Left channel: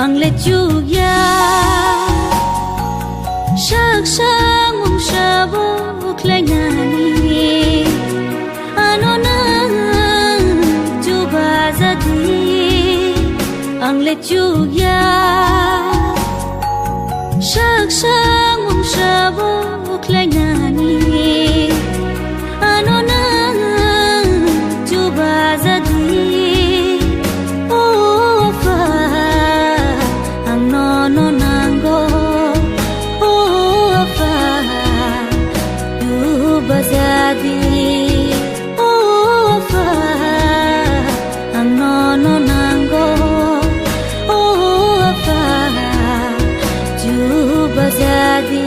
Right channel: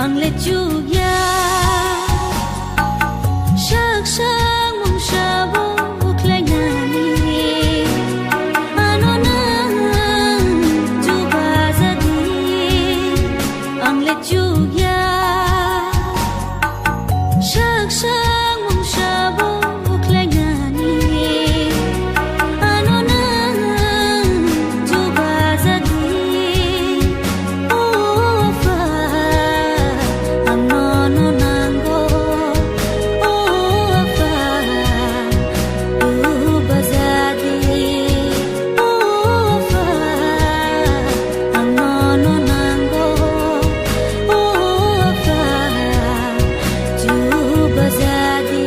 ang lechuya sak sang mong sabok lai nani ano na juba jadi ang lechuya sak sang mong sabok lai nani ano na juba jadi jadi wafa ang nono nanggo wafa juba jadi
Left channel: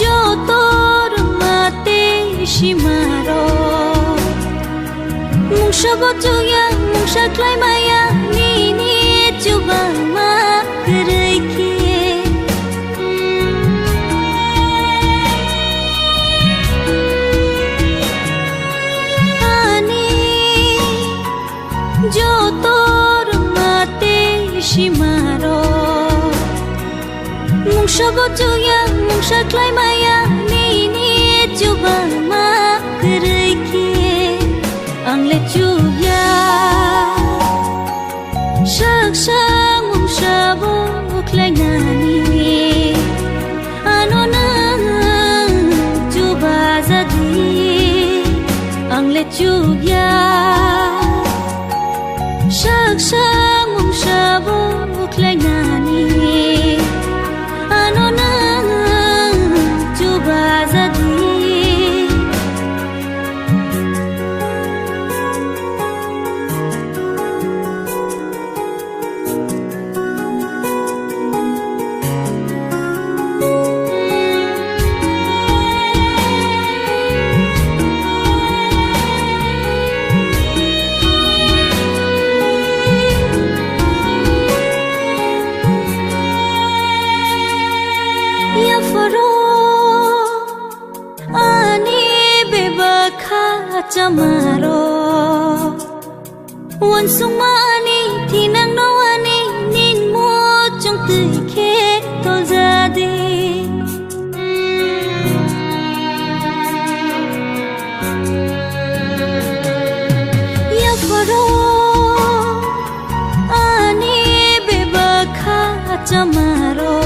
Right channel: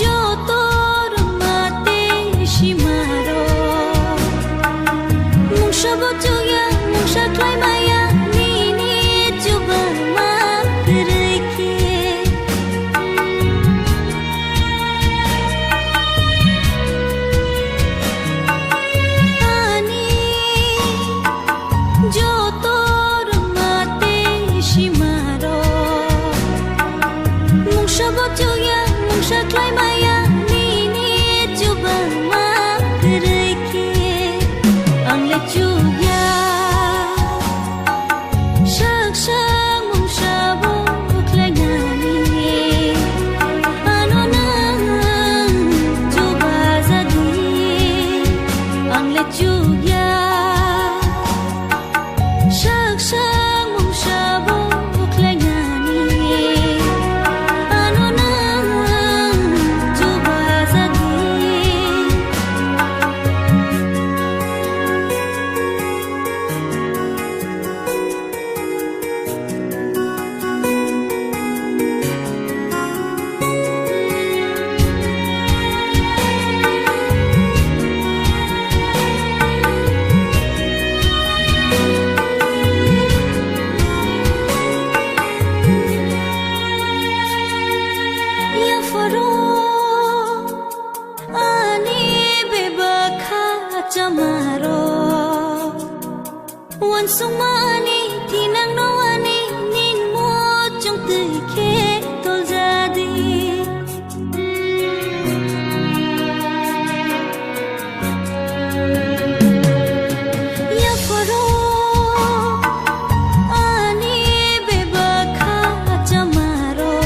jotor mate shimaro mung shabotuya mung shaklai maya nini juba ma kereke ani jotor mate shimaro mung shabotuya mung shaklai maya nini juba ma kereke ang lechuya sak sang mung sabok lai nani ano na juba jadi ang lechuya sak sang mung sabok lai nani ano na juba jadi ya faro ani bebakha chamaro wan sung mani tinang no ani nin mo chong tui khe tol jadi ya faro ani bebakha chamaro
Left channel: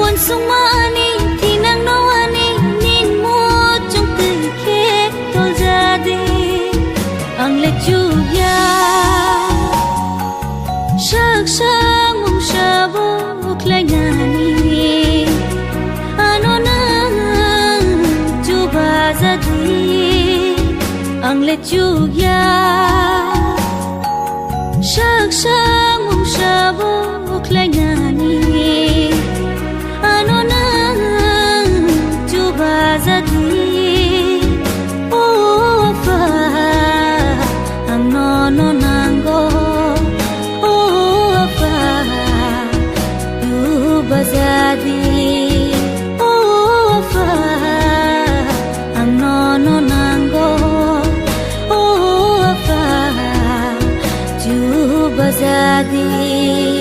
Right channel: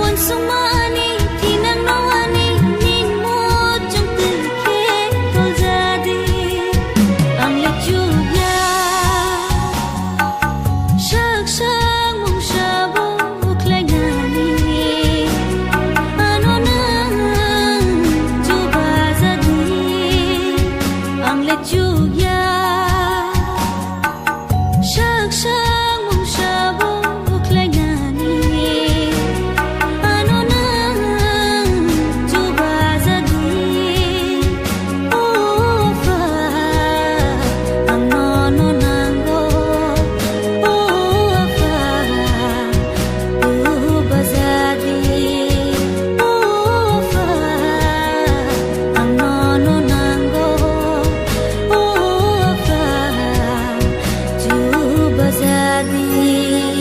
wan sung mani tinang no ani nin mo chong tui khe tol jadi ang lechuya sak sang mong sabok lai nani ano na juba jadi ang lechuya sak sang mong sabok lai nani ano na juba jadi wafa ang nono nanggo wafa juba jadi wafa ang nono nanggo wafa juba jadi